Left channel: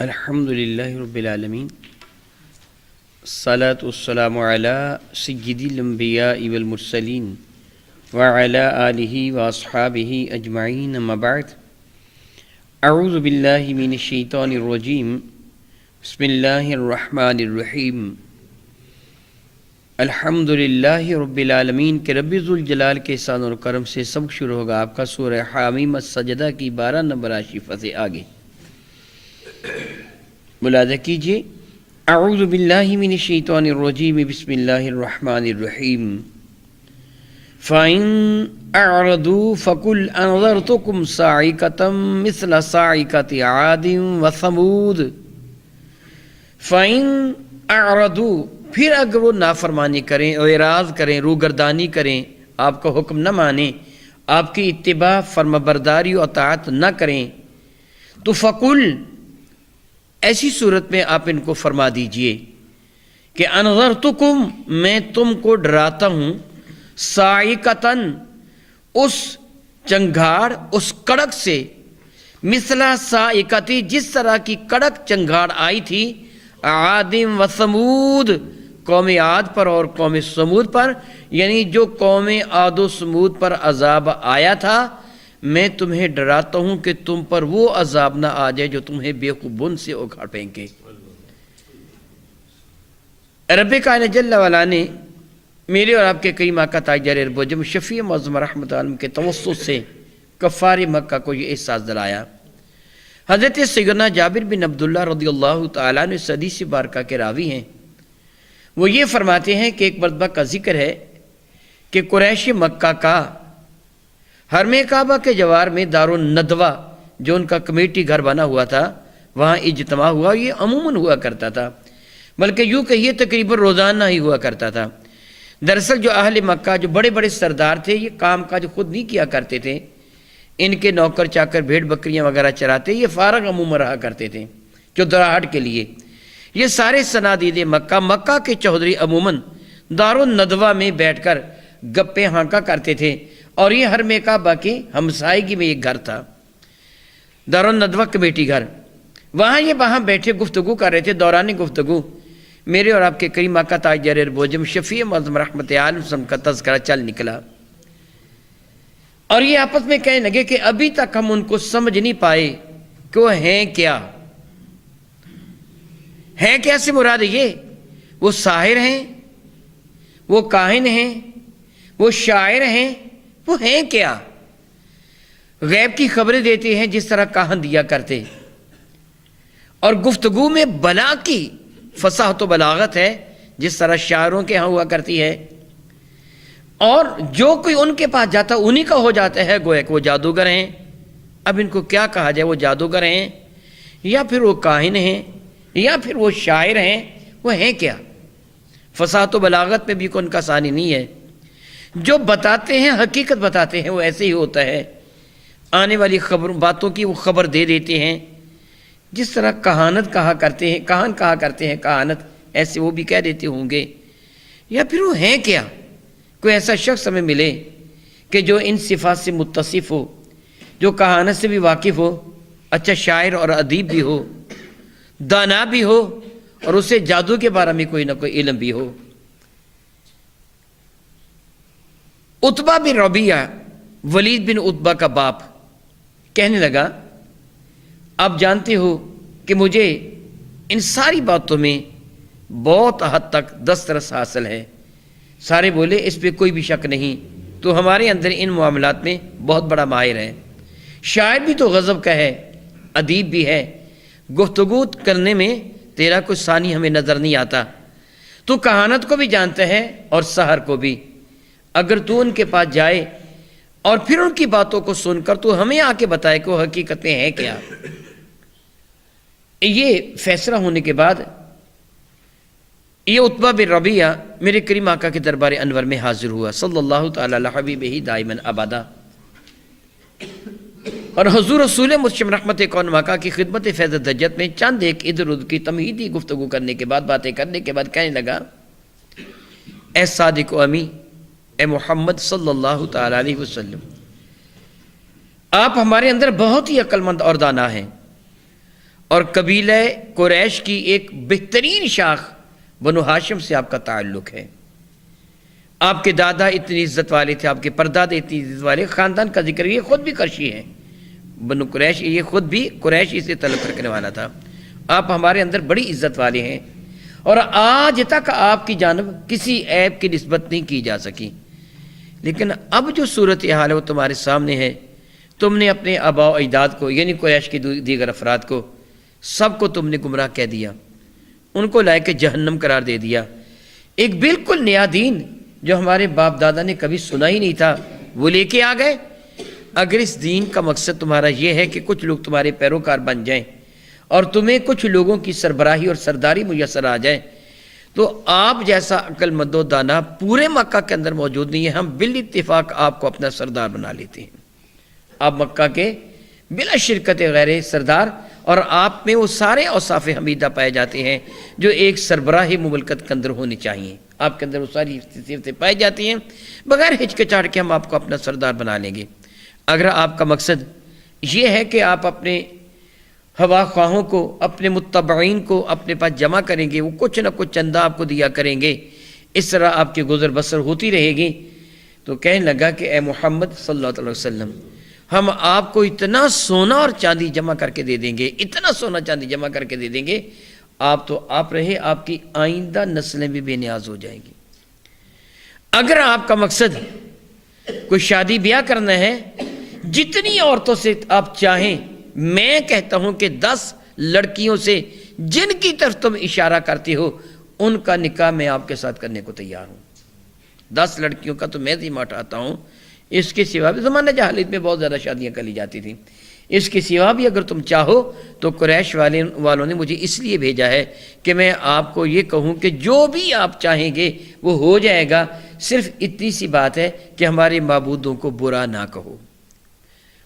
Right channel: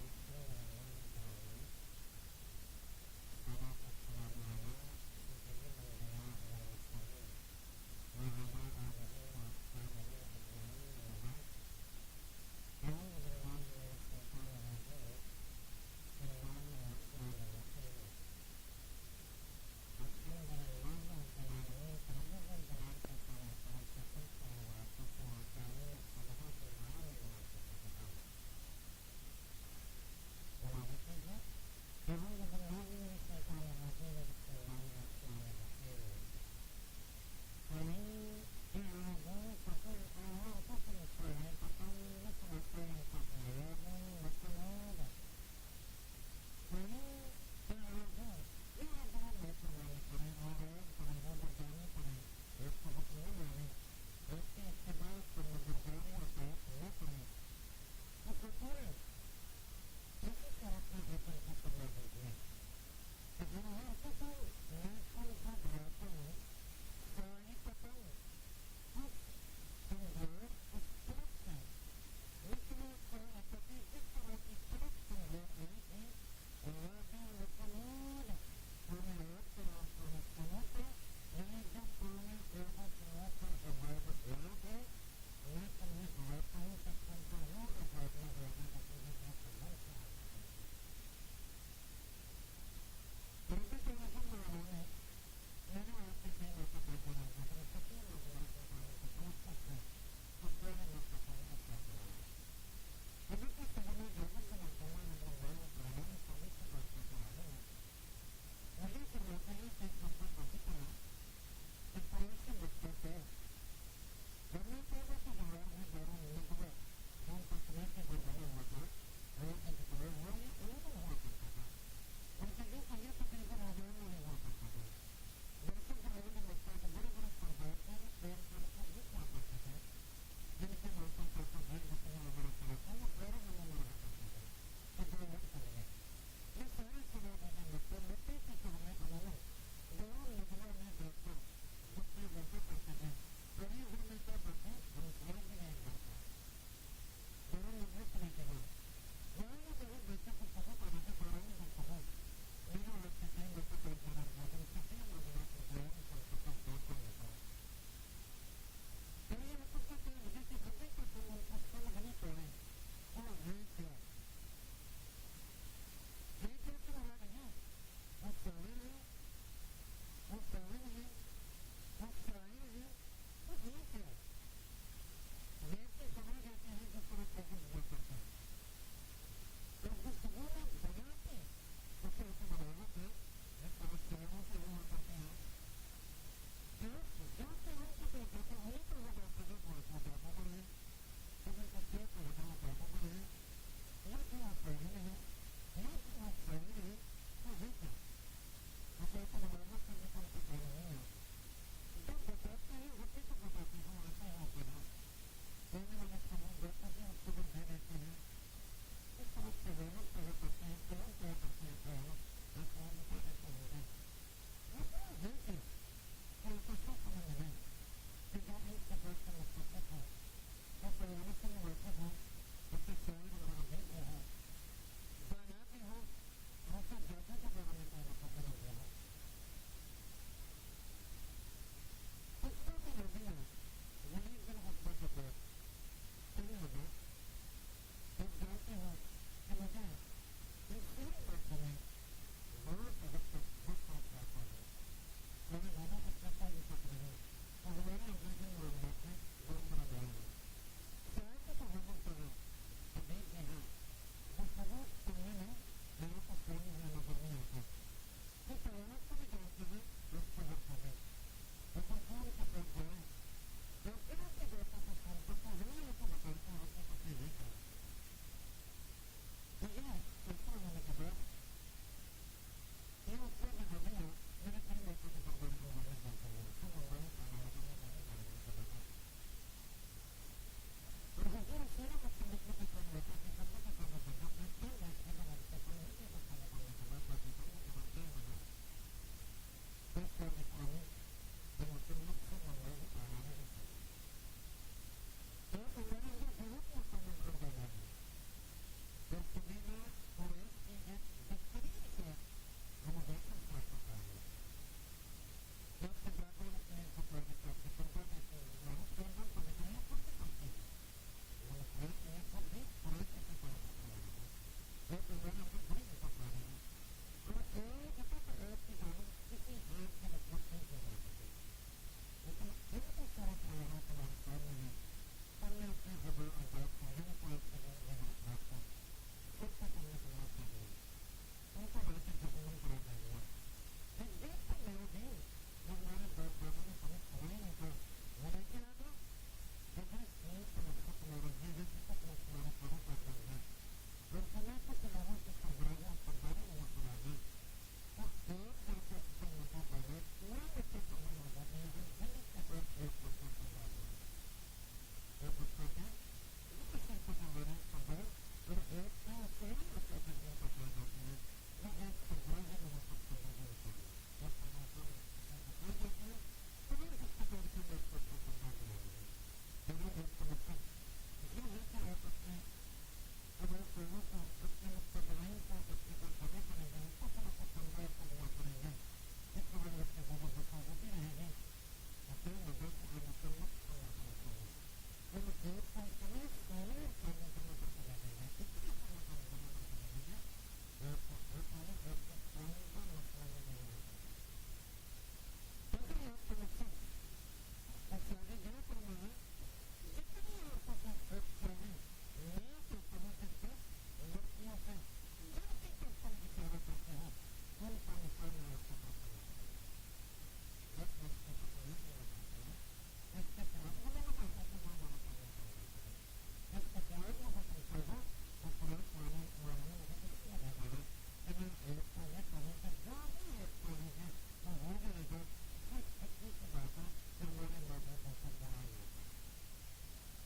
الحمدللہ رب العالمین الصلاة والسلام علی سید الانبیاء والمرسلین وعلی آلہ واصحابہ اجمعین اما بعد اعوذ باللہ من الشیطان الرجیم بسم اللہ الرحمن الرحیم الحمدللہ رب العالمین کے رب ذوالجلال کے احسان اور کرم سے سبق شروع ہوگا آپ کا سورہ حامیم السجدہ کی 12 نمبر آشفہ سے آگے ملاحظہ کیجئے اعوذ باللہ من الشیطان الرجیم بسم اللہ الرحمن الرحیم فَإِنْ أَعْرَضُوا فَقُلْ أَنذَرْتُكُمْ صَاعِقَةً مِثْلَ صَاعِقَةِ عَادٍ وَثَمُودَ فَإِنْ أَعْرَضُوا پھر اگر وہ نافرمانی کریں اعراض کریں روگردانی کریں آپ کا حکم نہ مانیں آپ کی اتباع فرمانبرداری و اطاعت نہ کریں تو فَقُلْ ایسی صورت میں آپ ان کو فرما دیجئے کہ انذرتکم میں تم کو ڈراتا ہوں صاعقۃً اس چنگھاڑ اس کڑک سے مثل صاعقۃ جس طرح کی کڑک چنگھاڑ آئی تھی عاد و ثمود قوم عاد پر اور قوم ثمود پر، یعنی جو قوم عاد و ثمود پر عذاب آیا تھا میں تمہیں ڈراتا ہوں کہ تم پر وہ عذاب نہ آ جائے جو تمہیں بیوقوفون سے اکھاڑ پھینکے۔ رب کائنات جل وعلا نے میرے اور آپ کے کریم آقا تاجدار اربوجم شفیع معظم رحمت عالم کے توسط سے کفار مکہ کو یہ احساس دلایا۔ حضرت سیدنا جابر بن عبداللہ رضی اللہ تعالیٰ نے حدیث بارکہ کے راوی ہیں، وہ یہ فرماتے ہیں کہ ایک مرتبہ کا ذکر ہے کہ قریش مکہ کا حرم کعبہ کے جوار میں دارالندوہ جو ان کا کمیٹی گھر بنا ہوا تھا وہاں اجتماع ہوا، یہ عموماً ہوا کرتا تھا، بلکہ یوں کہیے تقریباً روزانہ ہی ہوا کرتا تھا۔ دراصل جو اہل مکہ جو بڑے بڑے سردار تھے یہ کام کاج خود نہیں کیا کرتے تھے، ان کے نوکر چاکر بھیڑ بکریاں وغیرہ چراتے، یہ فارغ عموماً رہا کرتے تھے چودراہٹ کے لیے۔ یہ سارے صنادید مکہ کے چودھری عموماً دارالندوہ میں بیٹھ کر گپیں ہانکا کرتے تھے، اور یہ حرم کعبہ کی ہمسائیگی میں ایک گھر تھا دارالندوہ کمیٹی گھر، وہاں بیٹھے گفتگو کر رہے تھے۔ دوران گفتگو میرے اور آپ کے کریم آقا تاجدار اربوجم شفیع معظم رحمت عالم کا تذکرہ چل نکلا، اور یہ آپس میں کہنے لگے کہ ابھی تک ہم ان کو سمجھ نہیں پائے کہ وہ ہیں کیا سے مراد یہ وہ ساحر ہیں، وہ کاہن ہیں، وہ شاعر ہیں، وہ ہیں کیا؟ غیب کی خبریں دیتے ہیں جس طرح کاہن دیا کرتے، اور گفتگو میں بلا کی فصاحت و بلاغت ہے جس طرح شاعروں کے ہاں ہوا کرتی ہے، اور جو کوئی ان کے پاس جاتا انہی کا ہو جاتا ہے، گویا کہ وہ جادوگر ہیں۔ اب ان کو کیا کہا جائے، وہ جادوگر ہیں یا پھر وہ کاہن ہیں یا پھر وہ شاعر ہیں، وہ ہیں کیا؟ فصاحت و بلاغت میں بھی کوئی ان کا ثانی نہیں ہے۔ جو بتاتے ہیں حقیقت بتاتے ہیں، وہ ایسے ہی ہوتا ہے، آنے والی باتوں کی وہ خبر دے دیتے ہیں، جس طرح کہانت کہا کرتے ہیں، کہان کہا کرتے ہیں کہانت، ایسے وہ بھی کہہ دیتے ہوں گے۔ یا پھر وہ ہیں کیا؟ کوئی ایسا شخص ہمیں ملے کہ جو ان صفات سے متصف ہو، جو کہانت سے بھی واقف ہو، اچھا شاعر اور ادیب بھی ہو، دانا بھی ہو، اور اسے جادو کے بارے میں کوئی نہ کوئی علم بھی ہو۔ عتبہ بن ربیعہ ولید بن عتبہ کا باپ کہنے لگا آپ جانتے ہو کہ مجھے ان ساری باتوں میں بہت حد تک دسترس حاصل ہے۔ سارے بولے اس پہ کوئی بھی شک نہیں، تو ہمارے اندر ان معاملات میں بہت بڑا ماہر ہے، شاعر بھی تو غضب کا ہے، ادیب بھی ہے، گفتگو کرنے میں تیرا کوئی ثانی ہمیں نظر نہیں آتا، تو کہانت کو بھی جانتا ہے اور سحر کو بھی۔ اگر تو ان کے پاس جائے اور پھر ان کی باتوں کو سن کر تو ہمیں آ کے بتائے کہ وہ حقیقت میں ہے کیا۔ یہ فیصلہ ہونے کے بعد یہ عتبہ بن ربیعہ میرے کریم آقا کے دربار انور میں حاضر ہوا صلی اللہ تعالی علی حبیبہ دائما ابدا، اور حضور رسول مجتمع رحمت کون آقا کی خدمت فیض دجت میں چند ایک ادھر ادھر کی تمہیدی گفتگو کرنے کے بعد، باتیں کرنے کے بعد کہنے لگا اے صادق و امی، اے محمد صلی اللہ تعالی علیہ وسلم، آپ ہمارے اندر بہت ہی عقل مند اور دانا ہیں، اور قبیلہ قریش کی ایک بہترین شاخ بنو ہاشم سے آپ کا تعلق ہے۔ آپ کے دادا اتنی عزت والے تھے، آپ کے پردادے اتنی عزت والے، خاندان کا ذکر یہ خود بھی قرشی ہیں، بنو قریش یہ خود بھی قریشی سے تعلق رکھنے والا تھا۔ آپ ہمارے اندر بڑی عزت والے ہیں، اور آج تک آپ کی جانب کسی عیب کی نسبت نہیں کی جا سکی۔ لیکن اب جو صورتحال ہے وہ تمہارے سامنے ہے، تم نے اپنے آباء و اجداد کو یعنی قریش کے دیگر افراد کو سب کو تم نے گمراہ کہہ دیا، ان کو لائے کے جہنم قرار دے دیا۔ ایک بالکل نیا دین جو ہمارے باپ دادا نے کبھی سنا ہی نہیں تھا وہ لے کے آ گئے۔ اگر اس دین کا مقصد تمہارا یہ ہے کہ کچھ لوگ تمہارے پیروکار بن جائیں اور تمہیں کچھ لوگوں کی سربراہی اور سرداری میسر آ جائے، تو آپ جیسا عقل مند و دانا پورے مکہ کے اندر موجود نہیں ہے، ہم بالاتفاق آپ کو اپنا سردار بنا لیتے ہیں۔ آپ مکہ کے بلا شرکت غیر سردار، اور آپ میں وہ سارے اوصاف حمیدہ پائے جاتے ہیں جو ایک سربراہ مملکت کے اندر ہونی چاہیے، آپ کے اندر وہ ساری صفتیں پائی جاتی ہیں۔ بغیر ہچکچاہٹ کے ہم آپ کو اپنا سردار بنا لیں گے۔ اگر آپ کا مقصد یہ ہے کہ آپ اپنے ہوا خواہوں کو، اپنے متبعین کو اپنے پاس جمع کریں گے، وہ کچھ نہ کچھ چندہ آپ کو دیا کریں گے، اس طرح آپ کی گزر بسر ہوتی رہے گی، تو کہنے لگا کہ اے محمد صلی اللہ علیہ وسلم، ہم آپ کو اتنا سونا اور چاندی جمع کر کے دے دیں گے، اتنا سونا چاندی جمع کر کے دے دیں گے، آپ تو آپ رہے، آپ کی آئندہ نسلیں بھی بے نیاز ہو جائیں گی۔ اگر آپ کا مقصد کوئی شادی بیاہ کرنا ہے، جتنی عورتوں سے آپ چاہیں، میں کہتا ہوں کہ 10 لڑکیوں سے جن کی طرف تم اشارہ کرتے ہو ان کا نکاح میں آپ کے ساتھ کرنے کو تیار ہوں۔ 10 لڑکیوں کا تو میں ذمہ اٹھاتا ہوں، اس کے سوا بھی زمانہ جاہلیت میں بہت زیادہ شادیاں کر لی جاتی تھیں، اس کے سوا بھی اگر تم چاہو تو قریش والوں نے مجھے اس لیے بھیجا ہے کہ میں آپ کو یہ کہوں کہ جو بھی آپ چاہیں گے وہ ہو جائے گا، صرف اتنی سی بات ہے کہ ہمارے معبودوں کو برا نہ کہو۔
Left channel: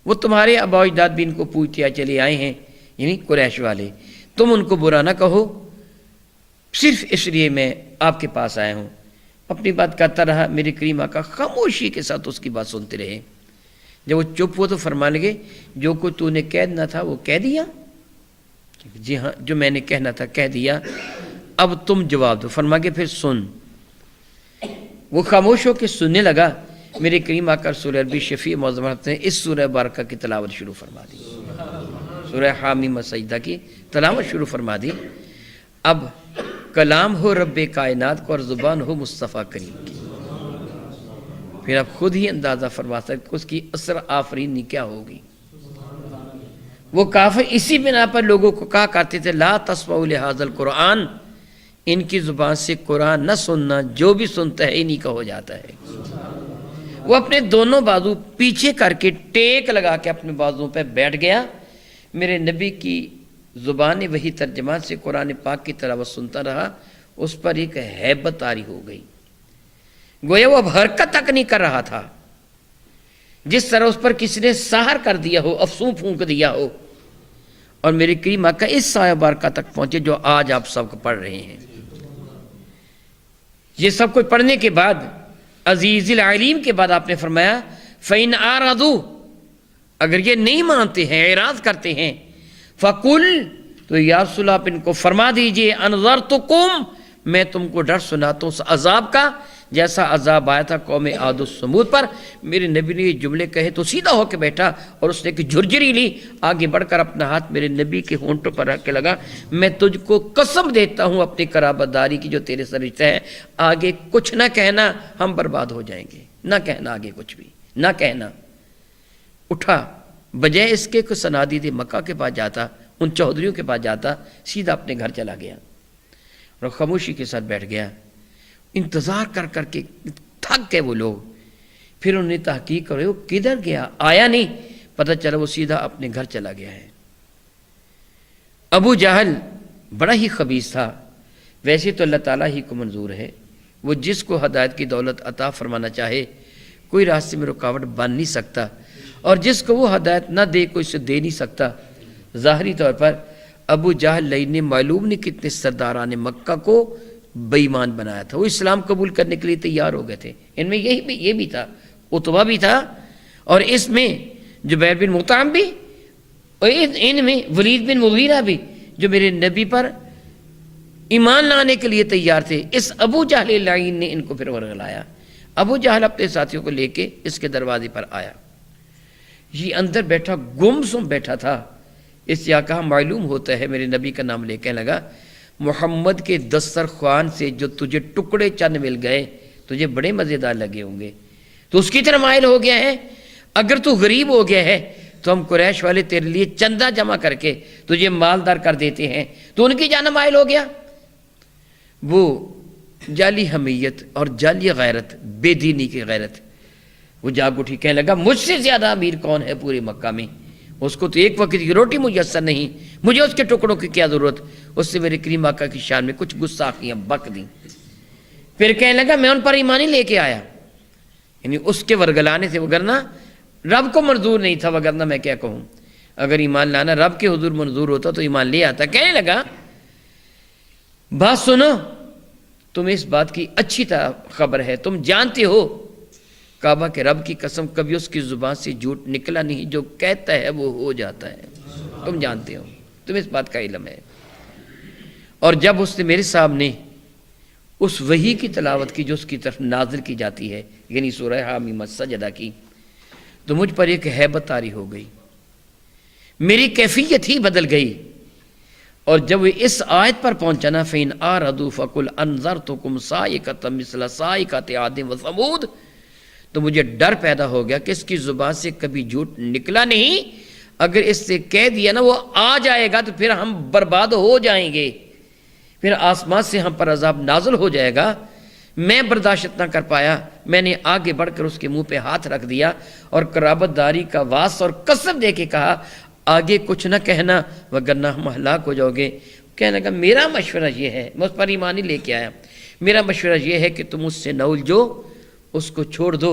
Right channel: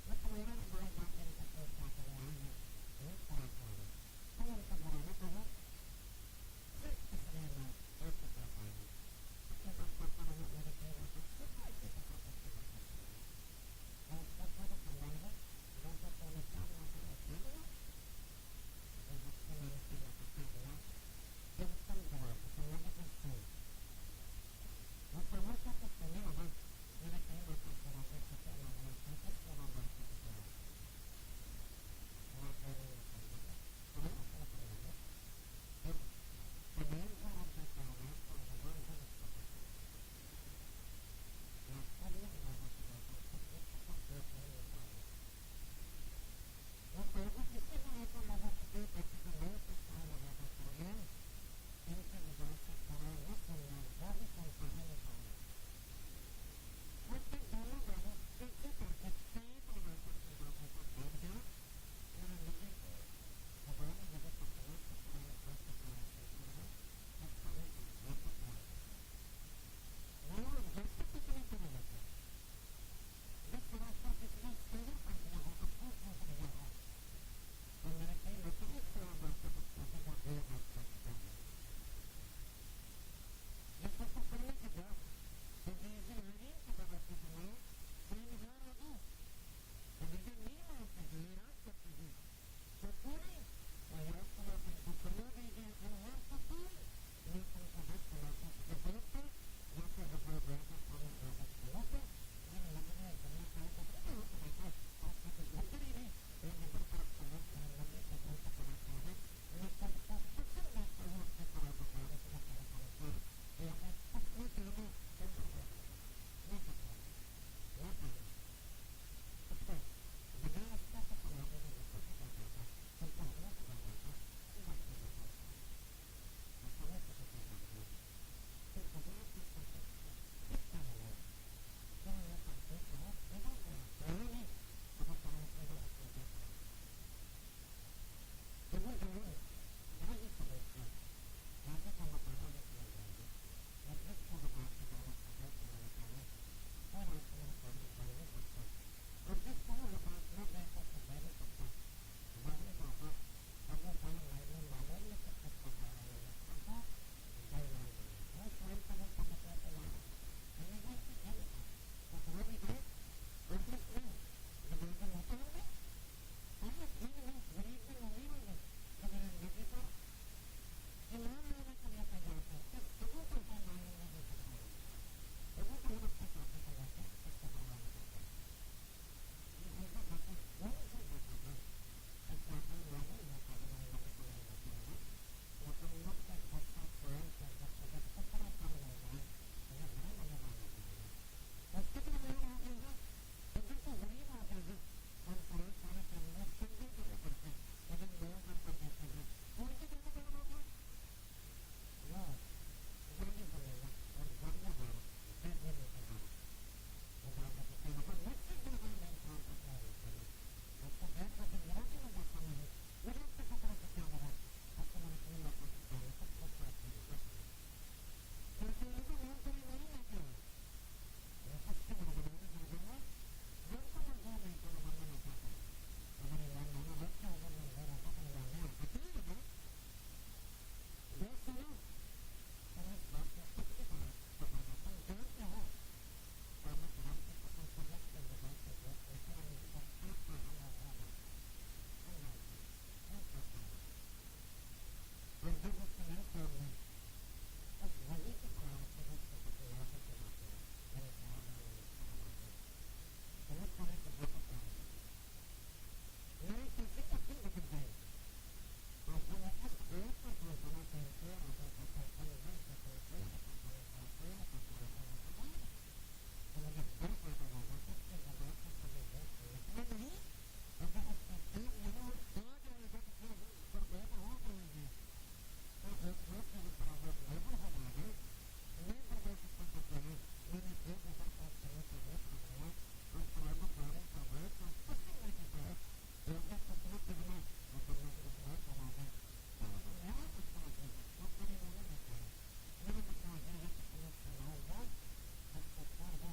وہ تمہارے آباء و اجداد بھی ان کو پوجتے چلے آئے ہیں، یعنی قریش والے، تم ان کو برا نہ کہو، صرف اس لیے میں آپ کے پاس آیا ہوں۔ اپنی بات کرتا رہا، میرے کریم آقا خاموشی کے ساتھ اس کی بات سنتے رہے۔ جب وہ چپ ہو تو فرمان لگے، جو کچھ تو نے کہنا تھا وہ کہہ دیا؟ جی ہاں، جو میں نے کہنا تھا کہہ دیا، اب تم جواب دو۔ فرما کے پھر سن۔ وہ خاموش ہو کے سننے لگا۔ میرے کریم آقا سورہ عربی شفیع معظم نے اس سورہ بارکہ کی تلاوت شروع فرما دی، سورہ حامیم سجدہ کی تلاوت شروع فرما دی۔ اب کلام ہو رب کائنات کو اور زبان ہو مصطفیٰ کریم کی، پھر آپ خود ہی اندازہ فرما سکتے اس کی اثر آفرینی کیا ہوگی۔ وہ کافر اسی بنا پر لوگوں کو کہا کرتے تھے لا تسمعوا لہذا القرآن، ان کی زبان سے قرآن نہ سننا، جو بھی سنتا ہے انہی کا ہو جاتا ہے۔ وہ اپنے دونوں بازو پیچھے کر کے ٹیک لگا کے اپنے بازو پہ بیٹھ گیا۔ میرے نبی کی زبان وہی ترجمان سے قرآن پاک کی تلاوت سنتا رہا، اس پر ایک ہیبت طاری ہو گئی، گویا وہ اب حرکت تک نہیں کر رہا تھا، جس طرح اس پر کسی نے سحر کر دیا ہو، افسون پھونک دیا ہو۔ اور میرے کریم آقا اس سایہ بارکہ تک پہنچے جو آج آپ سب کو پڑھ رہے ہیں۔ یہ سب کچھ پڑھنے کے بعد عزیز العلیم کے بعد آپ نے فرمایا فَإِنْ أَعْرَضُوا، اگر یہ نہیں مانتے ہیں، اعراض کرتے ہیں، فَقُلْ، تو یا رسول آپ ان کو فرما دیجئے أَنذَرْتُكُمْ، میں تم کو ڈر سناتا ہوں اس عذاب کا جیسا عذاب آیا تھا قوم عاد و سمود پر۔ میرے نبی نے یہ جملے کہے تو سیدھا ہو کے بیٹھا اور اس نے ایک جھرجری لی، آگے بڑھ کر اپنا ہاتھ میرے نبی کے ہونٹوں پر رکھ کے لگا، میں تجھ کو قسم دیتا ہوں اپنی قرابت داری کی جو تیرے سے رشتہ ہے، آگے کچھ نہ کہنا، ہم برباد ہو جائیں گے، نہ کہنا آگے کچھ بھی، نہ کہنا۔ اٹھا، بجائے اس کے کہ صنادید مکہ کے پاس جاتا، ان چودھریوں کے پاس جاتا، سیدھا اپنے گھر چلا گیا اور خاموشی کے ساتھ بیٹھ گیا۔ انتظار کر کر کے تھک گئے وہ لوگ، پھر انہوں نے تحقیق کرے وہ کدھر گیا، آیا نہیں، پتہ چلا وہ سیدھا اپنے گھر چلا گیا ہے۔ ابو جہل بڑا ہی خبیث تھا، ویسے تو اللہ تعالیٰ ہی کو منظور ہے، وہ جس کو ہدایت کی دولت عطا فرمانا چاہے کوئی راستے میں رکاوٹ بن نہیں سکتا، اور جس کو وہ ہدایت نہ دے کوئی اسے دے نہیں سکتا۔ ظاہری طور پر ابو جہل نے معلوم نہیں کتنے سرداران مکہ کو بے ایمان بنایا تھا، وہ اسلام قبول کرنے کے لیے تیار ہو گئے تھے۔ ان میں یہ بھی تھا، عتبہ بھی تھا، اور اس میں جبیر بن مطعم بھی، اور ان میں ولید بن مغیرہ بھی، جو میرے نبی پر ایمان لانے کے لیے تیار تھے، اس ابو جہل لعین نے ان کو پھر ورغلایا۔ ابو جہل اپنے ساتھیوں کو لے کے اس کے دروازے پر آیا، یہ اندر بیٹھا گمسم بیٹھا تھا۔ اس یا کہا معلوم ہوتا ہے، میرے نبی کا نام لے کہنے لگا محمد کے دسترخوان سے جو تجھے ٹکڑے چند مل گئے تجھے بڑے مزیدار لگے ہوں گے، تو اس کی طرح مائل ہو گیا ہے۔ اگر تو غریب ہو گیا ہے تو ہم قریش والے تیرے لیے چندہ جمع کر کے تجھے مالدار کر دیتے ہیں، تو ان کی جانب مائل ہو گیا۔ وہ جعلی حمیت اور جعلی غیرت، بے دینی کی غیرت، وہ جاگ اٹھی، کہنے لگا مجھ سے زیادہ امیر کون ہے پورے مکہ میں؟ اس کو تو ایک وقت کی روٹی میسر نہیں، مجھے اس کے ٹکڑوں کی کیا ضرورت؟ اس سے میرے کریم آقا کی شان میں کچھ گستاخیاں بک دیں۔ پھر کہنے لگا میں ان پر ایمان ہی لے کے آیا، یعنی اس کے ورگلانے سے، وگرنہ رب کو منظور نہیں تھا، وگرنہ میں کیا کہوں، اگر ایمان لانا رب کے حضور منظور ہوتا تو ایمان لے آتا۔ کہنے لگا بات سنو، تمہیں اس بات کی اچھی طرح خبر ہے، تم جانتے ہو کعبہ کے رب کی قسم کبھی اس کی زبان سے جھوٹ نکلا نہیں، جو کہتا ہے وہ ہو جاتا ہے، تم جانتے ہو، تمہیں اس بات کا علم ہے۔ اور جب اس نے میرے سامنے اس وحی کی تلاوت کی جو اس کی طرف نازل کی جاتی ہے، یعنی سورہ حامیم السجدہ کی، تو مجھ پر ایک ہیبت طاری ہو گئی، میری کیفیت ہی بدل گئی۔ اور جب وہ اس آیت پر پہنچا نا فَإِنْ أَعْرَضُوا فَقُلْ أَنذَرْتُكُمْ صَاعِقَةً مِثْلَ صَاعِقَةِ عَادٍ وَثَمُودَ، تو مجھے ڈر پیدا ہو گیا کہ اس کی زبان سے کبھی جھوٹ نکلا نہیں، اگر اس سے کہہ دیا نا وہ آ جائے گا تو پھر ہم برباد ہو جائیں گے، پھر آسمان سے ہم پر عذاب نازل ہو جائے گا۔ میں برداشت نہ کر پایا، میں نے آگے بڑھ کر اس کے منہ پہ ہاتھ رکھ دیا اور قرابت داری کا واسطہ اور قسم دے کے کہا آگے کچھ نہ کہنا وگرنہ ہم ہلاک ہو جاؤ گے۔ کہنے لگا میرا مشورہ یہ ہے، میں اس پر ایمان ہی لے کے آیا، میرا مشورہ یہ ہے کہ تم اس سے نہ الجھو، اس کو چھوڑ دو۔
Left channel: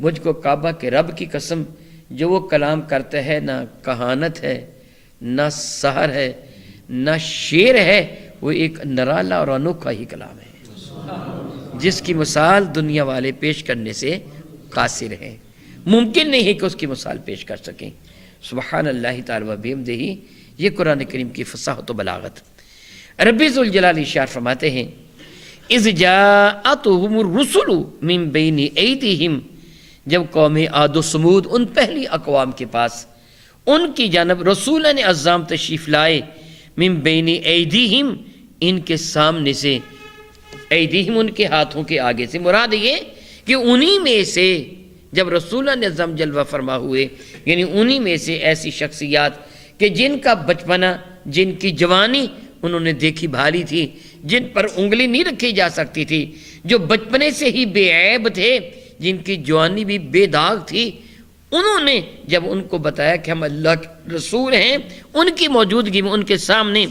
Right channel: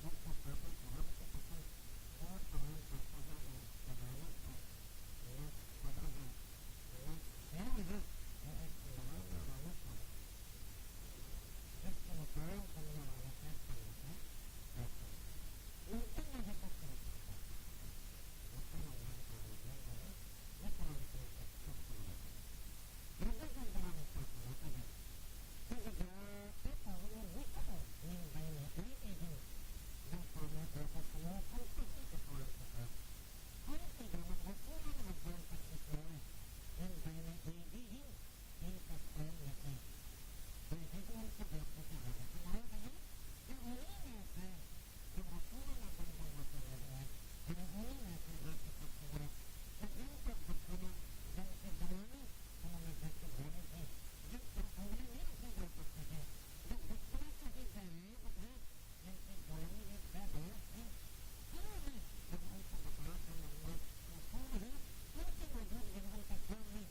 مجھ کو کعبہ کے رب کی قسم جو وہ کلام کرتا ہے نہ کہانت ہے، نہ سحر ہے، نہ شعر ہے، وہ ایک نرالا اور انوکھا ہی کلام ہے جس کی مثال دنیا والے پیش کرنے سے قاصر ہیں، ممکن نہیں ہے کہ اس کی مثال پیش کر سکیں۔ سبحان اللہ تعالی و بحمدہ، یہ قرآن کریم کی فصاحت و بلاغت۔ ربی ذوالجلال ارشاد فرماتے ہیں اذ جاءتهم الرسل من بین ایدیہم، جب قوم عاد و سمود ان پہلی اقوام کے پاس ان کی جانب رسولان اعظام تشریف لائے، من بین ایدیہم ان کے سامنے سے، ایدیہم ان کے ہاتھوں کے آگے سے، مراد یہ کہ انہی میں سے جب رسولان اعظم جلوہ فرما ہوئے، یعنی انہی میں سے ایسی شخصیات کہ جن کا بچپنا، جن کی جوانی انہوں نے دیکھی بھالی تھی، جن پر انگلی نہیں رکھی جا سکتی تھی، جو بچپنے سے ہی بے عیب تھے، جن کی جوانی بھی بے داغ تھی، انہوں نے جب ان کو بتایا کہ ہم اللہ کے رسول ہیں، ان کی موجودگی میں ان کے سامنے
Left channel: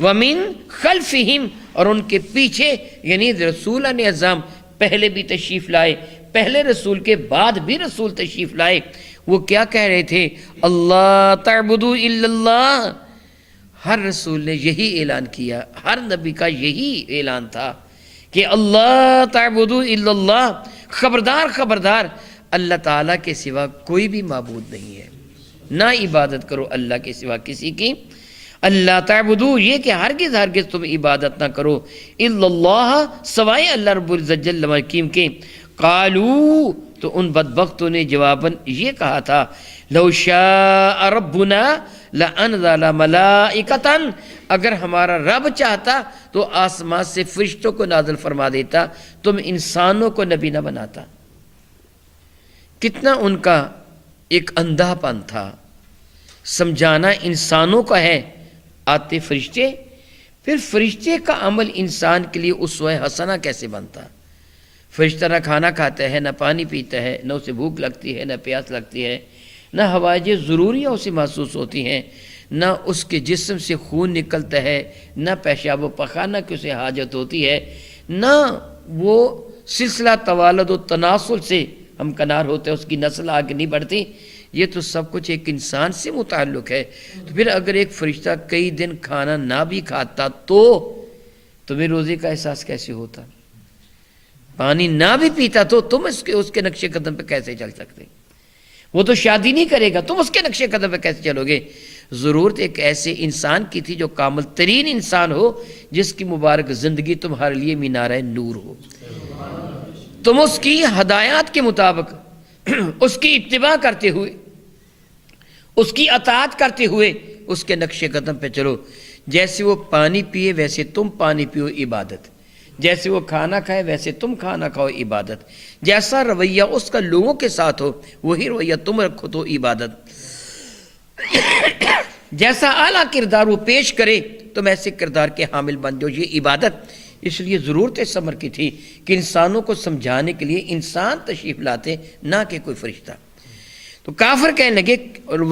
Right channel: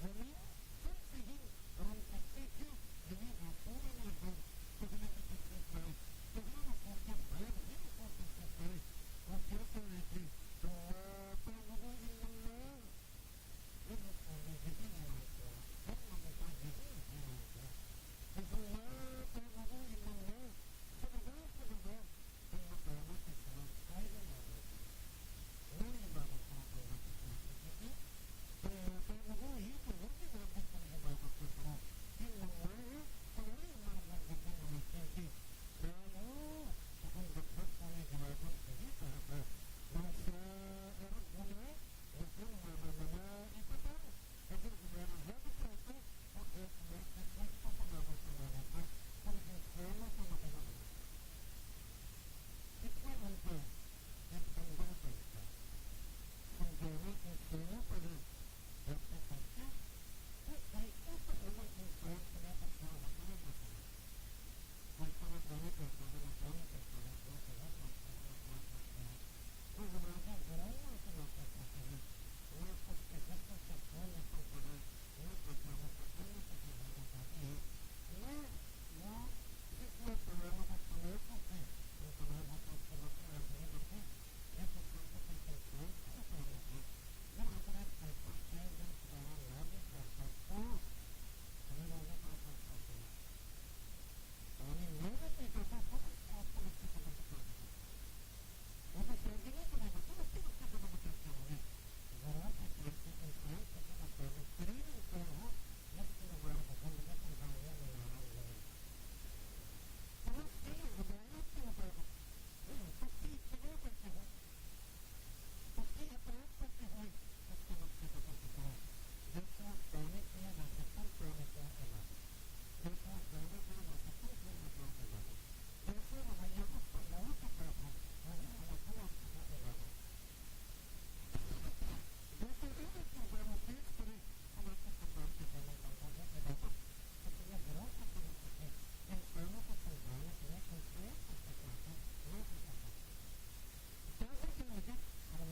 وَمِن خَلْفِهِمْ، اور ان کے پیچھے، یعنی رسولان اعظام پہلے بھی تشریف لائے، پہلے رسول کے بعد بھی رسول تشریف لائے، وہ کیا کہہ رہے تھے؟ اللہ تعبدوا الا اللہ۔ ہر رسول نے یہی اعلان کیا، ہر نبی کا یہی اعلان تھا کہ اللہ تعبدوا الا اللہ، خبردار خبردار اللہ تعالیٰ کے سوا کوئی بھی معبود نہیں ہے، نہ عبادت کرو اللہ کے سوا کسی کی۔ اللہ تعبدوا، یہ کہ ہرگز ہرگز تم عبادت نہ کرو، الا اللہ، سوائے اللہ رب العزت جل و حکیم کے۔ قالوا، تو ان بدبختوں نے جواباً یہ کہا تھا، لو شاء ربنا لانزل ملائکۃ، اگر ہمارا رب چاہتا تو آسمان سے فرشتوں کو نازل فرما دیتا، تم انسانوں کو نبی نہ بناتا۔ کتنا ان کا ایک اندھا پن تھا، سمجھانا انسانوں کا ہے، آتے فرشتے، پھر فرشتے کا عمل انسان کے لیے اسوہ حسنہ کیسے بنتا؟ فرشتہ نہ کھانا کھاتا ہے، نہ پانی پیتا ہے، نہ اسے بھوک لگتی ہے، نہ پیاس لگتی ہے، نہ ہوائج ضروریہ اسے محسوس ہوتی ہیں، نہ اس کے جسم سے خون نکلتا ہے، نہ پیشاب و پخانہ کی اسے حاجت ہوتی ہے، نہ وہ سلسلہ توالد و تناسل سے ہم کنار ہوتے ہیں، اس کی نسل آگے نہیں بڑھتی۔ یہ تو سب کچھ ایک انسان سے متعلق ہے۔ تو پھر اگر ایک فرشتہ کئی دن کھانا نہ بھی کھاتا تو تمہیں روزے کا احساس کیسے ہوتا؟ پانی نہ بھی پیتا تو تم اس کے نقش قدم پہ کیسے چل سکتے؟ وہ تو شادی نہیں کرے گا، تم اس کے نقش قدم پہ کیسے چلو گے؟ ضرورت ایک ایسے انسان کی تھی جو کامل ترین انسان ہو، جس کی مبارک زندگی تمہارے لیے مینارہ نور ہو، تم اس کی ہدایات کے مطابق اس کی اتباع کرتے ہوئے، اس کی اطاعت کرتے ہوئے اس کے نقش قدم پہ چلو۔ جیسے وہ پانی پیے ویسے تم پانی پیو، عبادت۔ جیسے وہ کھانا کھائے ویسے تم کھانا کھاؤ، عبادت۔ جیسا رویہ اس کا لوگوں کے ساتھ ہو وہی رویہ تم رکھو تو عبادت۔ جیسا اعلیٰ کردار وہ پیش کرے تم ایسے کردار کے حامل بن جاؤ، یہ عبادت۔ اس لیے ضرورت اس امر کی تھی کہ انسانوں کو سمجھانے کے لیے انسان تشریف لاتے، نہ کہ کوئی فرشتہ۔ تو کافر کہنے لگے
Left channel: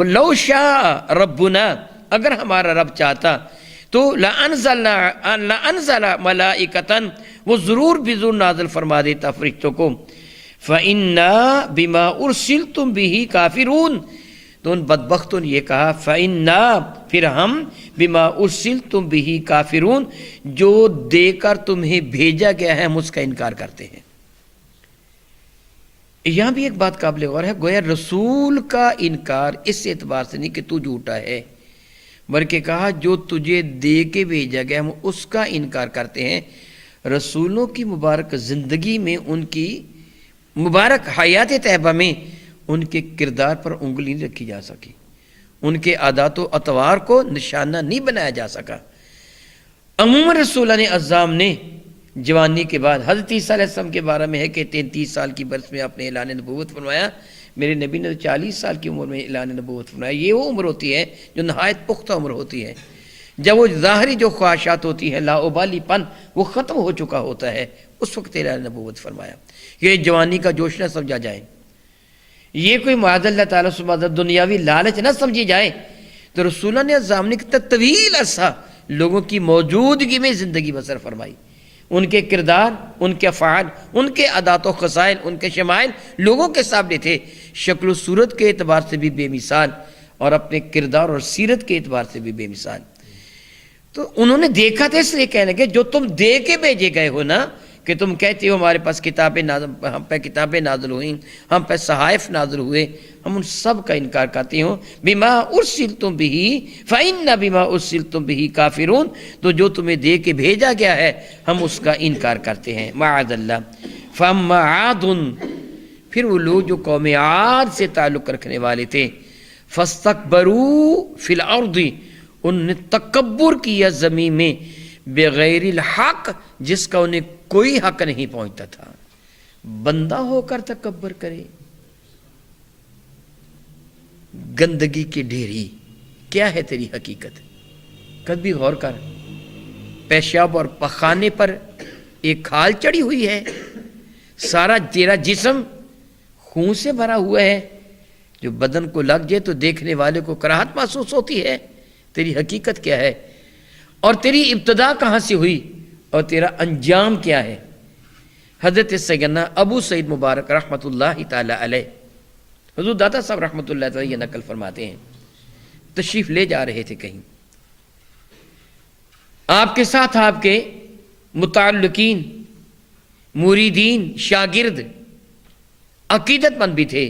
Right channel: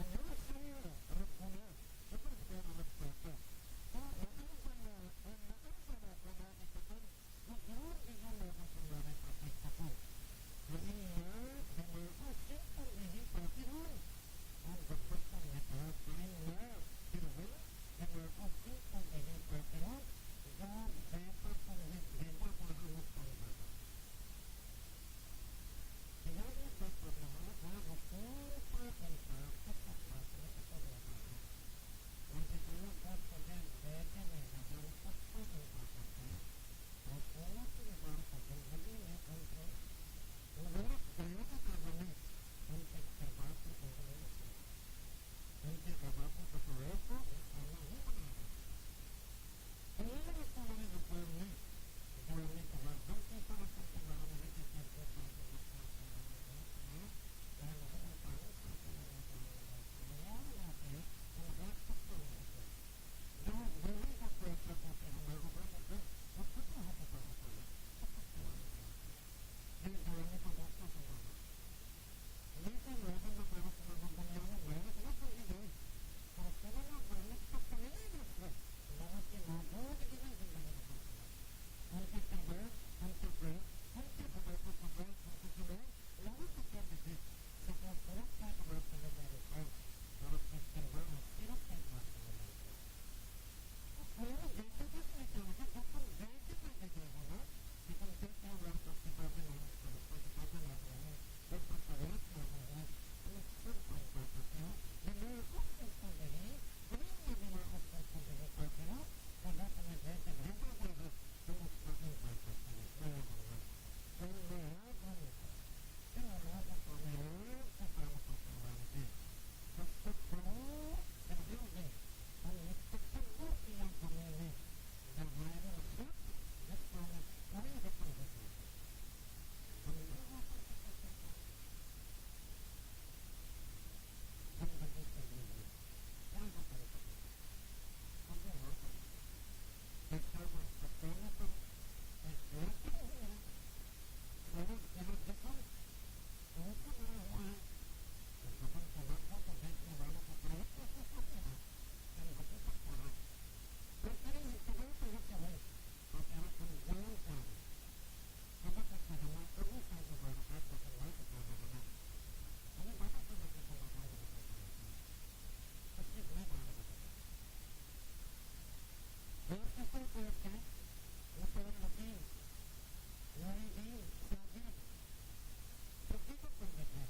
لو شاء ربنا، اگر ہمارا رب چاہتا تو لَأَنزَلَ مَلَائِكَةً، وہ ضرور بضرور نازل فرما دیتا فرشتوں کو۔ فَإِنَّا بِمَا أُرْسِلْتُمْ بِهِ كَافِرُونَ، تو ان بدبختوں نے یہ کہا فَإِنَّا، پھر ہم بِمَا أُرْسِلْتُمْ بِهِ كَافِرُونَ، جو دے کر تمہیں بھیجا گیا ہے ہم اس کا انکار کرتے ہیں۔ یہاں بھی ایک بات قابل غور ہے، گویا رسول کا انکار اس اعتبار سے نہیں کہ تو جھوٹا ہے، بلکہ کہا جو تجھے دے کے بھیجا گیا ہم اس کا انکار کرتے ہیں۔ رسولوں کی مبارک زندگی میں، ان کی مبارک حیات طیبہ میں ان کے کردار پر انگلی نہیں رکھی جا سکی، ان کے عادات و اطوار کو نشانہ نہیں بنایا جا سکا۔ عموماً رسولان اعظام نے جوانی کے بعد، حضرت عیسیٰ علیہ السلام کے بارے میں ہے کہ 33 سال کی برس میں آپ نے اعلان نبوت فرمایا، میرے نبی نے 40 سال کی عمر میں اعلان نبوت فرمایا۔ یہ وہ عمر ہوتی ہے جو نہایت پختہ عمر ہوتی ہے، جب وہ ظاہری جو خواہشات ہوتی ہیں، لا ابالی پن، وہ ختم ہو چکا ہوتا ہے، اس وقت اعلان نبوت فرمایا۔ یہ جوانی کا جوش نہ سمجھا جائے، یہ کوئی معاذ اللہ تعالیٰ سبحانہ دنیاوی لالچ نہ سمجھی جائے۔ تو رسولان اعظام نے کتنا طویل عرصہ لوگوں کی موجودگی میں زندگی بسر فرمائی، ان کے کردار، ان کے افعال، ان کے عادات و خصائل، ان کے شمائل لوگوں کے سامنے تھے، شکل و صورت کے اعتبار سے بھی بے مثال اور اپنے کردار اور سیرت کے اعتبار سے بھی بے مثال۔ تو انہوں نے دیکھا تھا، اس لیے کہنے لگے جو تم دے کے بھیجے گئے ہو نا، کہ تم کہتے ہو ہمارے پاس کتابیں نازل، ہم پہ کتابیں نازل ہوئیں، ہم پہ صحائف نازل ہوئے، ہم ان سب کا انکار کرتے ہوں۔ بما ارسلتم بہ فإن بما ارسلتم بہ کافرون، تو جو تمہیں دے کے بھیجا گیا ہے ہم اس کا انکار کرتے ہیں، معاذ اللہ۔ فاما عاد، پھر وہ لوگ جو قوم عاد سے تعلق رکھنے والے تھے، فاستکبروا فی الارض، انہوں نے تکبر کیا زمین میں، بغیر الحق، جس کا انہیں کوئی حق نہیں پہنچتا تھا۔ بندہ ہو کر تکبر کرے، گندگی کی ڈھیری، کیا ہے تیری حقیقت؟ کبھی غور کر، پیشاب اور پخانے پر ایک کھال چڑھی ہوئی ہے، سارا تیرا جسم خون سے بھرا ہوا ہے، جو بدن کو لگ جائے تو دیکھنے والے کو کراہت محسوس ہوتی ہے۔ تیری حقیقت کیا ہے، اور تیری ابتدا کہاں سے ہوئی، اور تیرا انجام کیا ہے؟ حضرت سیدنا ابو سعید مبارک رحمۃ اللہ تعالی علیہ، حضور داتا صاحب رحمۃ اللہ تعالی یہ نقل فرماتے ہیں، تشریف لے جا رہے تھے کہیں، آپ کے ساتھ آپ کے متعلقین، مریدین، شاگرد، عقیدت مند بھی تھے۔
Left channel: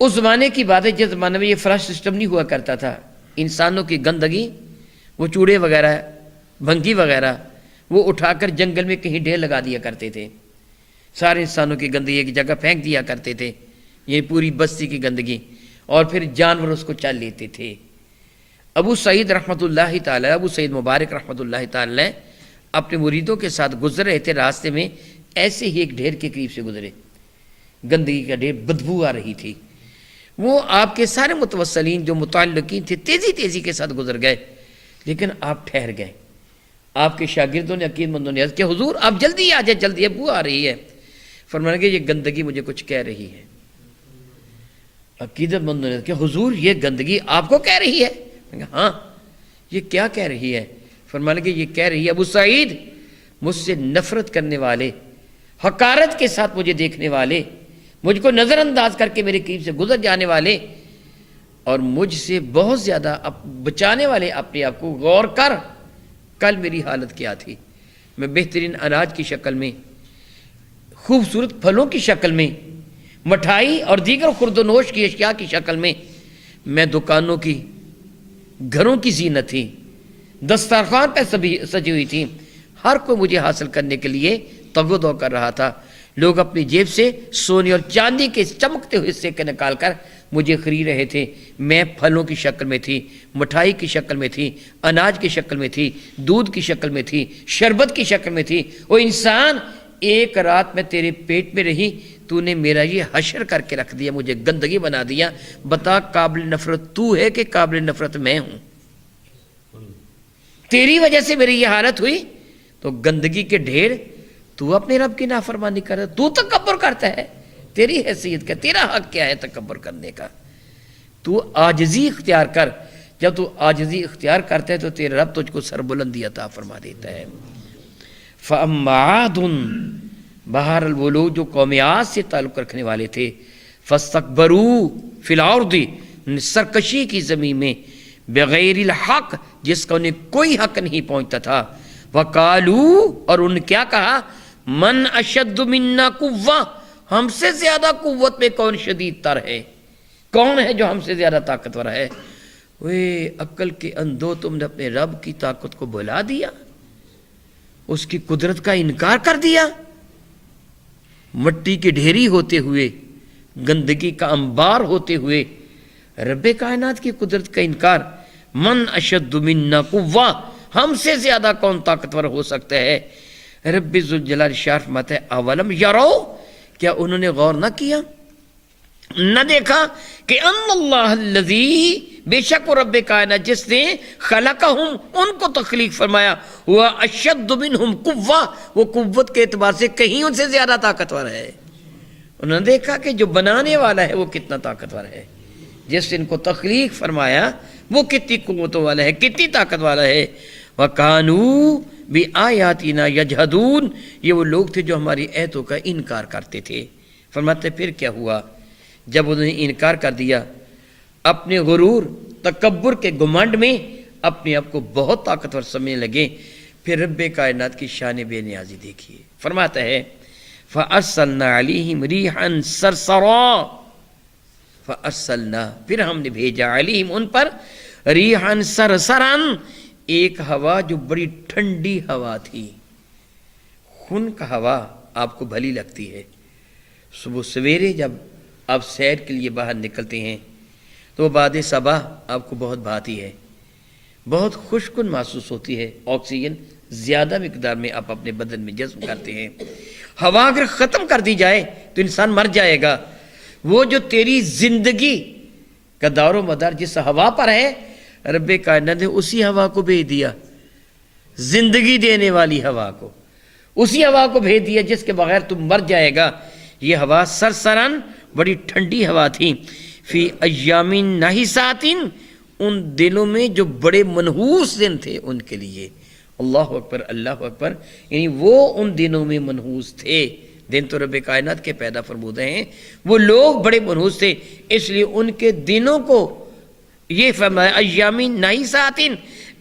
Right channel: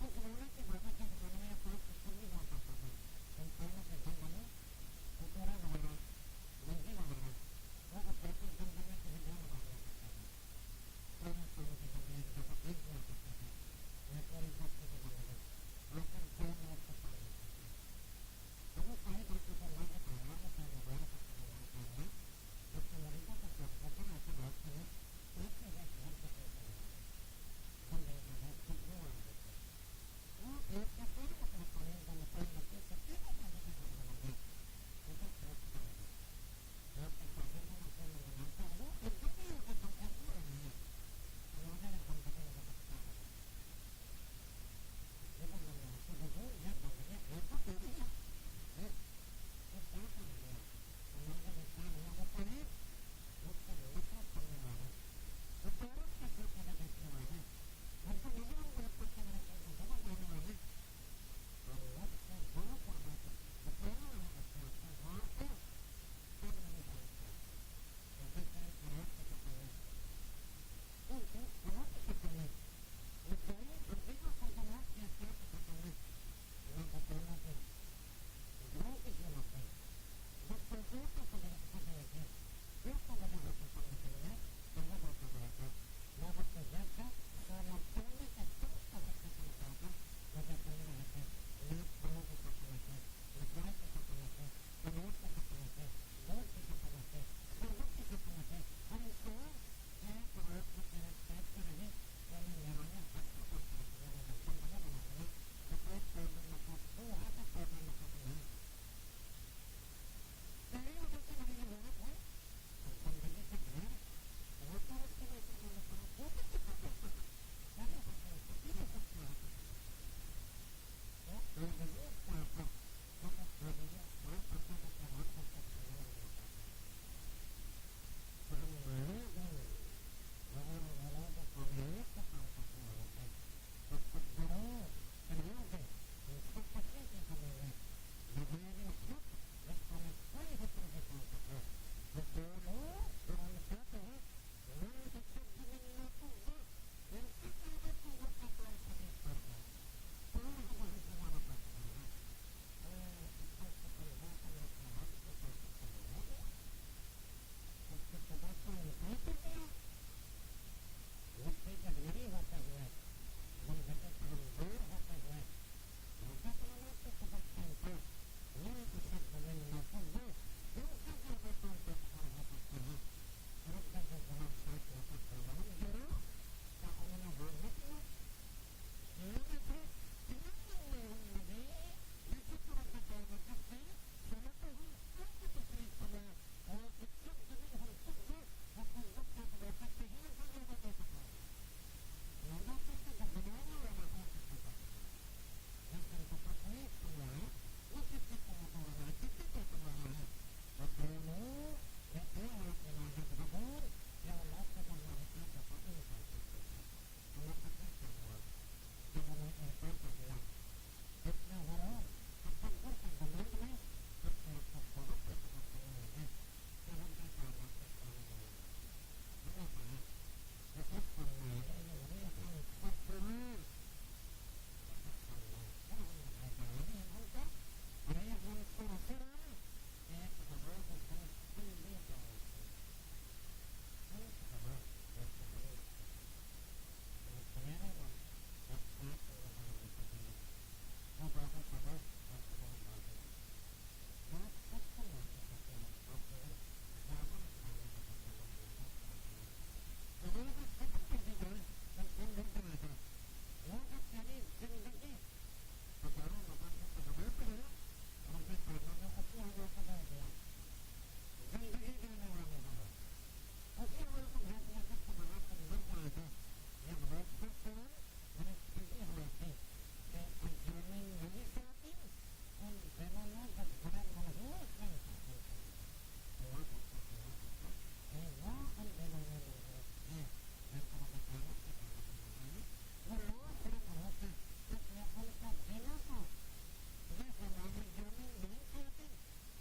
اس زمانے کی بات ہے جس زمانے میں یہ فلش سسٹم نہیں ہوا کرتا تھا، انسانوں کی گندگی، وہ چوڑے وغیرہ، بھنگی وغیرہ، وہ اٹھا کر جنگل میں کہیں ڈھیر لگا دیا کرتے تھے، سارے انسانوں کی گندگی ایک جگہ پھینک دیا کرتے تھے، یہ پوری بستی کی گندگی، اور پھر جانور اس کو چل لیتے تھے۔ ابو سعید رحمۃ اللہ تعالی، ابو سعید مبارک رحمۃ اللہ تعالی اپنے مریدوں کے ساتھ گزر رہے تھے، راستے میں ایسے ہی ایک ڈھیر کے قریب سے گزرے، گندگی کا ڈھیر، بدبو آ رہی تھی۔ وہ آپ کے سارے متوسلین جو متعلقین تھے تیزی تیزی کے ساتھ گزر گئے، لیکن آپ ٹھہر گئے۔ آپ کے شاگردوں نے، عقیدت مندوں نے عرض کیا، حضور آپ جلدی آ جائیں، جلدی، بو آ رہی ہے۔ فرمانے کہ یہ گندگی مجھے کچھ کہہ رہی ہے۔ عقیدت مندوں نے عرض کیا، حضور یہ گندگی آپ کو کہہ رہی ہے؟ ہاں، یہ کیا کہہ رہی ہے؟ فرمانے کہ یہ کہہ رہی ہے، ابو سعید مجھ سے نفرت کرنے والے، حقارت کے ساتھ مجھے دیکھنے والے، مجھ کو نظر انداز کر کے میرے قریب سے گزر جانے والے، اور مجھ سے بہت زیادہ بچانے والے، اپنے آپ کو غور کر، کل میری حالت کیا تھی؟ میں بہترین اناج کی شکل میں، خوبصورت پھلوں کی شکل میں، مٹھائی اور دیگر خورد و نوش کی اشیاء کی شکل میں میں دکانوں کی، گھروں کی زینت تھی، دسترخوان پہ سجی ہوئی تھی، ہر کوئی مجھے حاصل کرنے کے لیے تگ دو کر رہا تھا۔ لوگ اپنی جیب سے سونے اور چاندی کے چمکتے ہوئے حصے کے نکال کر مجھے خرید رہے تھے۔ میں پھلوں کی شکل میں تھی، مٹھائی کی شکل میں تھی، اناج کی شکل میں تھی، دودھ کی شکل میں تھی، شربت کی شکل میں تھی۔ وہ انسان، ایک رات میں تیرے پیٹ میں رہی، تو نے میرا یہ حشر کر کے رکھ دیا، مجھے گندگی بنا دیا۔ بتا قابل نفرت تو ہے کہ قابل نفرت میں ہوں؟ تیری وجہ سے میری یہ حالت ہوئی، تو گندگی کے ڈھیر تو اپنے رب کی نافرمانی کر رہا ہے، تو تکبر کرتا ہے۔ تیری حیثیت کیا، تیرا حق کیا ہے تکبر کرنے کا؟ تو عاجزی اختیار کر۔ جب تو عاجزی اختیار کرتا ہے تو تیرا رب تجھ کو سربلندی عطا فرما دیتا ہے۔ فَأَمَّا عَادٌ، بہرحال وہ لوگ جو قوم عاد سے تعلق رکھنے والے تھے، فَاسْتَكْبَرُوا فِي الْأَرْضِ، سرکشی کی زمین میں، بغیر الحق، جس کا انہیں کوئی حق نہیں پہنچتا تھا۔ وَقَالُوا، اور ان کیا کہا، مَنْ أَشَدُّ مِنَّا قُوَّةً، ہم سے زیادہ قوت میں کون شدید تر ہے؟ کون ہے جو ہم سے زیادہ طاقتور ہے؟ وے عقل کے اندھو، تم نے اپنے رب کی طاقت کو بھلا دیا، اس کی قدرت کا انکار کر دیا۔ مٹی کی ڈھیری ہوتے ہوئے، گندگی کا انبار ہوتے ہوئے رب کائنات کی قدرت کا انکار۔ من اشد منا قوہ، ہم سے زیادہ کون طاقتور ہو سکتا ہے؟ رب ذوالجلال شاہ فرماتا ہے اولم یرو، کیا انہوں نے غور نہ کیا، نہ دیکھا کہ ان اللہ الذی، بے شک وہ رب کائنات جس نے خلقہم، ان کو تخلیق فرمایا، وہ اشد منہم قوہ، وہ قوت کے اعتبار سے کہیں ان سے زیادہ طاقتور ہے۔ انہوں نے دیکھا کہ جو بنانے والا ہے وہ کتنا طاقتور ہے، جس نے ان کو تخلیق فرمایا وہ کتنی قوتوں والا ہے، کتنی طاقت والا ہے۔ وَقَانُوا بِآيَاتِنَا يَجْحَدُونَ، یہ وہ لوگ تھے جو ہماری آیتوں کا انکار کرتے تھے۔ فرماتے پھر کیا ہوا، جب انہوں نے انکار کر دیا، اپنے غرور تکبر کے گمنڈ میں اپنے آپ کو بہت طاقتور سمجھنے لگے، پھر رب کائنات کی شان بے نیازی دیکھیے۔ فرماتا ہے فَأَرْسَلْنَا عَلَيْهِمْ رِيحًا صَرْصَرًا، فَأَرْسَلْنَا، پھر ہم نے بھیجا، علیہم ان پر، ریحًا صرصراً، ایک ہوا جو بڑی ٹھنڈی ہوا تھی۔ خنک ہوا آپ کو بھلی لگتی ہے، صبح سویرے جب آپ سیر کے لیے باہر نکلتے ہیں تو باد صبا آپ کو بہت بھاتی ہے، بہت خوشکن محسوس ہوتی ہے، آکسیجن زیادہ مقدار میں آپ اپنے بدن میں جذب کرتے ہیں۔ ہوا اگر ختم کر دی جائے تو انسان مر جائے گا۔ وہ جو تیری زندگی کا دار و مدار جس ہوا پر ہے، رب کائنات نے اسی ہوا کو بھیج دیا، زندگی دینے والی ہوا کو، اسی ہوا کو بھیج دیا جس کے بغیر تم مر جائے گا۔ یہ ہوا سرسرن، بڑی ٹھنڈی ہوا تھی، فی ایام نحسات، ان دنوں میں جو بڑے منحوس دن تھے ان کے لیے۔ اللہ اکبر، اللہ اکبر، یعنی وہ ان دنوں میں منحوس تھے، دن تو رب کائنات کے پیدا فرمودے ہیں، وہ لوگ بڑے منحوس تھے، اس لیے ان کے دنوں کو یہ فرمایا ایام نحسات،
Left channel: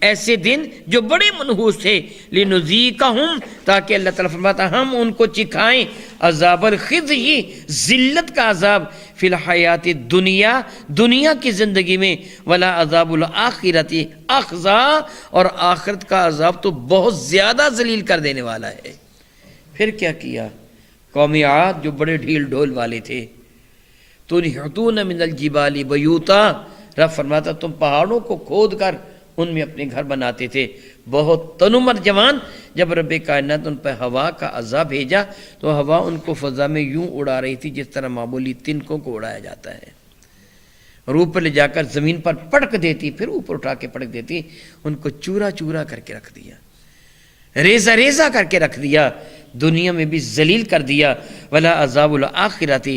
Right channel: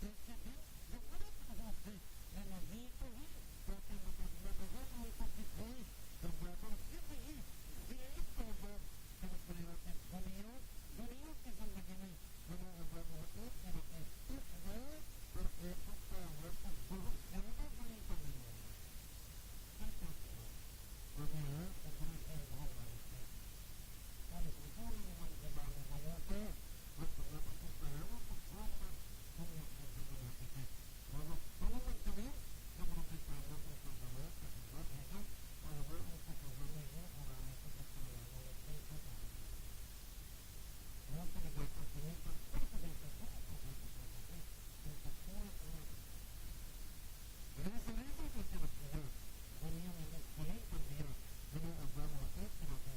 ایسے دن جو بڑے منحوس تھے، لنذیقہم، تاکہ اللہ تعالیٰ فرماتا ہم ان کو چکھائیں عذاب الخزی، ذلت کا عذاب، فی الحیات دنیا، دنیا کی زندگی میں، ولا عذاب الآخرت اخزا، اور آخرت کا عذاب تو بہت زیادہ ذلیل کر دینے والا ہے۔ پھر کیا کیا، قوم عاد جو بڑے ڈھیل ڈھول والے تھے، تنحتون من الجبال بیوتا، رب فرماتا تم پہاڑوں کو کھود کر ان میں اپنے گھر بناتے تھے۔ بہت تنمر جوان، جب رب کائنات ان پہ ہوا کا عذاب بھیجا تو ہوا ان کو فضا میں یوں اڑا رہی تھی جس طرح معمولی تنکوں کو اڑایا جاتا ہے، اور اوپر لے جا کر زمین پر پٹک دیتی، پھر اوپر اٹھا کے پٹک دیتی، ان کو چورا چورا کر کے رکھ دیا، ریزہ ریزہ کر کے رکھ دیا، دنیا میں بھی ذلیل کر دیا۔ ولا عذاب الآخرت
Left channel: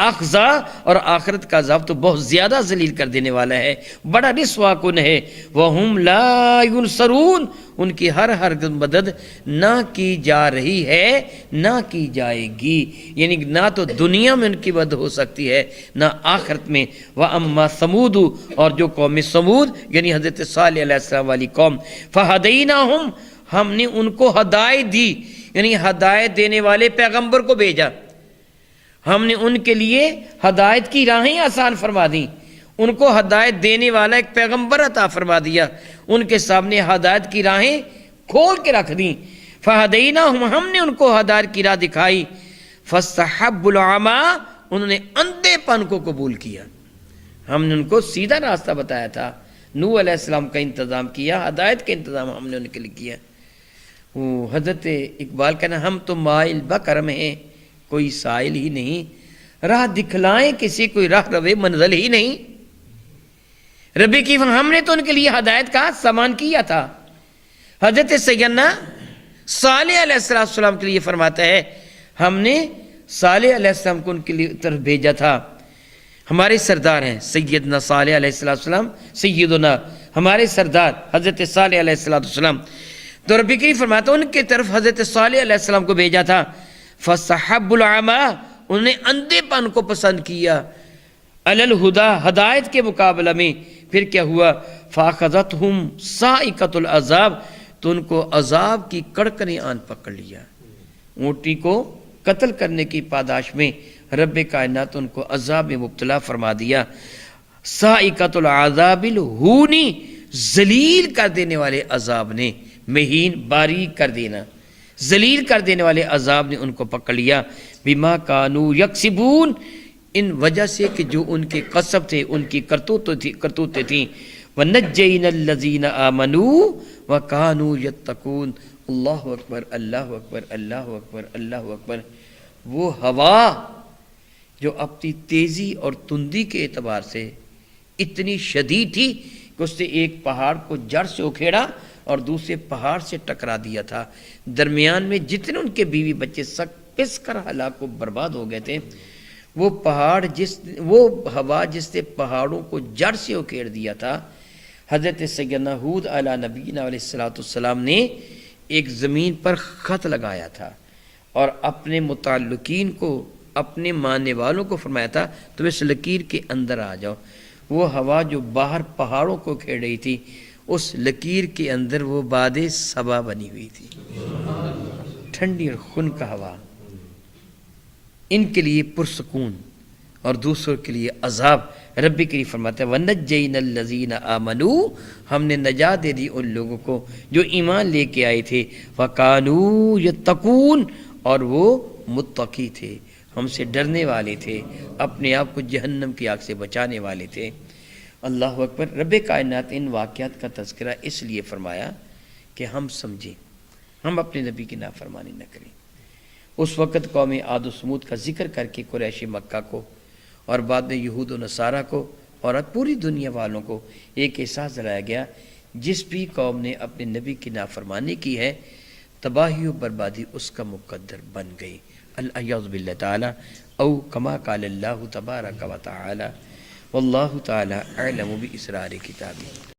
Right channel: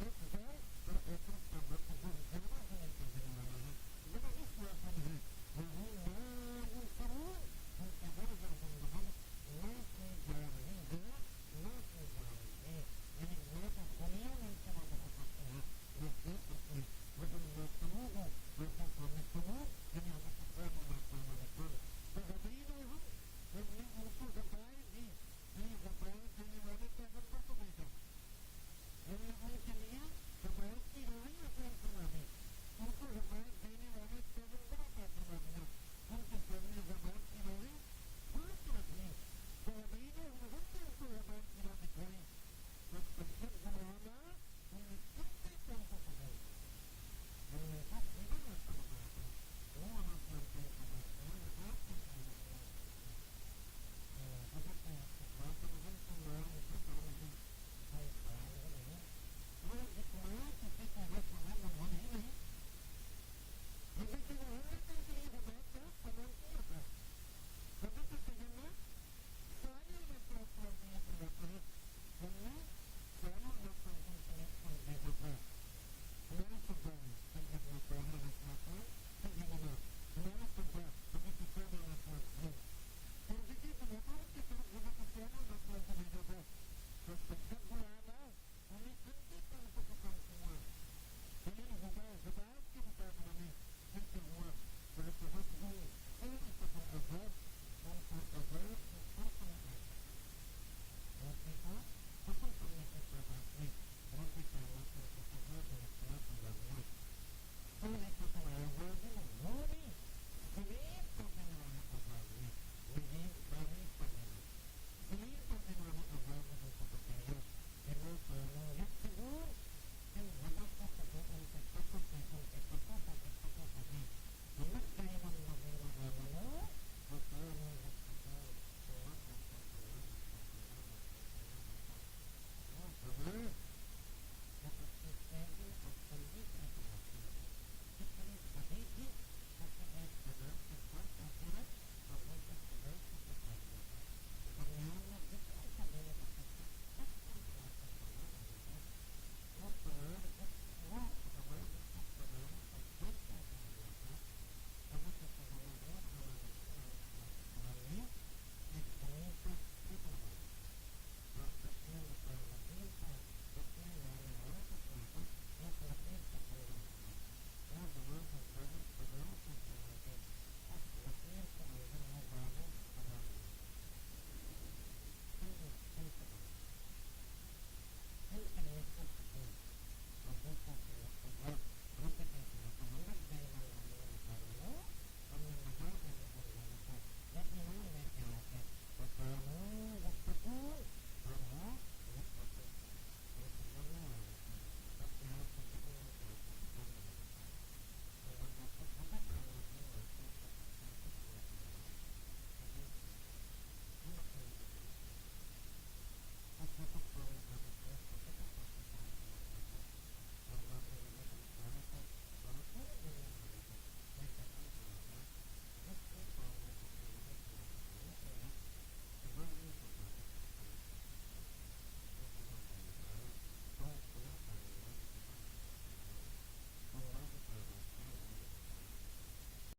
اخزا، اور آخرت کا عذاب تو بہت زیادہ ذلیل کر دینے والا ہے، بڑا رسوا کن ہے۔ وہم لا ینصرون، ان کی ہر مدد نہ کی جا رہی ہے، نہ کی جائے گی، یعنی نہ تو دنیا میں ان کی مدد ہو سکتی ہے نہ آخرت میں۔ وَأَمَّا ثَمُودُ، اور جو قوم سمود یعنی حضرت صالح علیہ السلام والی قوم، فَهَدَيْنَاهُمْ، ہم نے ان کو ہدایت دی، یعنی ہدایت دینے والے پیغمبر کو بھیجا، ہم نے ان کے لیے ہدایت کی راہیں آسان فرما دیں، ان کو ہدایت دینے والا ایک پیغمبر عطا فرما دیا، ان کے سامنے ہدایت کی راہیں کھول کے رکھ دیں۔ فہدیناہم، ہم نے ان کو ہدایت کی راہ دکھائی۔ فاستحبوا العمی، انہوں نے اندھے پن کو قبول کیا۔ ہم نے ان کو سیدھا راستہ بتایا تھا، نوح علیہ السلام کا انتظام کیا، ہدایت کا انتظام ہم نے ان کے لیے کیا۔ وہ حضرت اقبال کہنا ہم تو مائل بکرم ہیں، کوئی سائل ہی نہیں، راہ دکھلائیں کسی کوئی راہ روے منزل ہی نہیں۔ ربی کی ہم نے تو ان کے لیے ہدایت کا سامان کیا تھا۔ حضرت سیدنا صالح علیہ السلام کے لیے فرماتا ہے ہم نے صالح علیہ السلام کو ان کے لیے طرف بھیجا تھا۔ ہمارے سردار ہیں سیدنا صالح علیہ السلام، سیدنا ہمارے سردار حضرت صالح علیہ السلام، تو رب کریم فرماتا ان کے طرف حضرت صالح علیہ السلام کو بھیجا تھا۔ فَصَحَبُّ الْعَمَى، انہوں نے اندھے پن کو پسند کیا، علی الہدا، ہدایت کے مقابلہ میں۔ پھر کیا ہوا؟ فَأَخَذَتْهُمْ صَاعِقَةُ الْعَذَابِ، تو ان کو عذاب کی کڑکنے آن پکڑ لیا۔ اونٹی کو قتل کرنے کی پاداش میں رب کائنات ان کو عذاب میں مبتلا فرما دیا۔ صاعقۃ العذاب الہونی، ذلیل کر دینے والے عذاب نے، مہین باریک کر دینا، ذلیل کر دینے والے عذاب نے ان کو پکڑ لیا۔ بما کانوا یکسبون، ان وجہ سے کہ جو ان کے کسب تھے، ان کی کرتوتیں تھیں۔ وَنَجَّيْنَا الَّذِينَ آمَنُوا وَكَانُوا يَتَّقُونَ۔ اللہ اکبر، اللہ اکبر، اللہ اکبر، اللہ اکبر۔ وہ ہوا جو اپنی تیزی اور تندی کے اعتبار سے اتنی شدید تھی کہ اس نے ایک پہاڑ کو جڑ سے اکھیڑا اور دوسرے پہاڑ سے ٹکرا دیا تھا۔ درمیان میں جتنے ان کے بیوی بچے سب پس کر ہلاک و برباد ہو گئے تھے۔ وہ ہوا جس نے پہاڑوں کو جڑ سے اکھیڑ دیا تھا، حضرت سیدنا ہود علیہ نبینا علیہ السلام نے ایک زمین پر خط لگایا تھا اور اپنے متعلقین کو، اپنے ماننے والوں کو فرمایا تھا تم اس لکیر کے اندر آ جاؤ۔ وہ ہوا جو باہر پہاڑوں کو کھیڑ رہی تھی، اس لکیر کے اندر وہ باد صبا بنی ہوئی تھی، ٹھنڈی اور خنک ہوا، ان کے لیے پرسکون اور دوسروں کے لیے عذاب۔ رب کریم فرماتا ہے وَنَجَّيْنَا الَّذِينَ آمَنُوا، ہم نے نجات دے دی ان لوگوں کو جو ایمان لے کے آئے تھے۔ وَكَانُوا يَتَّقُونَ، اور وہ متقی تھے، ہم سے ڈرنے والے تھے، اپنے آپ کو جہنم کی آگ سے بچانے والے تھے۔ اللہ اکبر۔ رب کائنات ان واقعات کا تذکرہ اس لیے فرمایا کہ ہم سمجھیں، ہم اپنے نبی کی نافرمانی نہ کریں۔ اس وقت قوم عاد و سمود کا ذکر کر کے قریش مکہ کو اور بعد میں یہود و نصارہ کو اور پوری دنیا والوں کو ایک احساس دلایا گیا، جس بھی قوم نے اپنے نبی کی نافرمانی کی ہے، تباہی و بربادی اس کا مقدر بن گئی۔ الیاذ باللہ تعالی، او کما قال اللہ تبارک و تعالی، واللہ تعالی اعلم باسرار کتابہ۔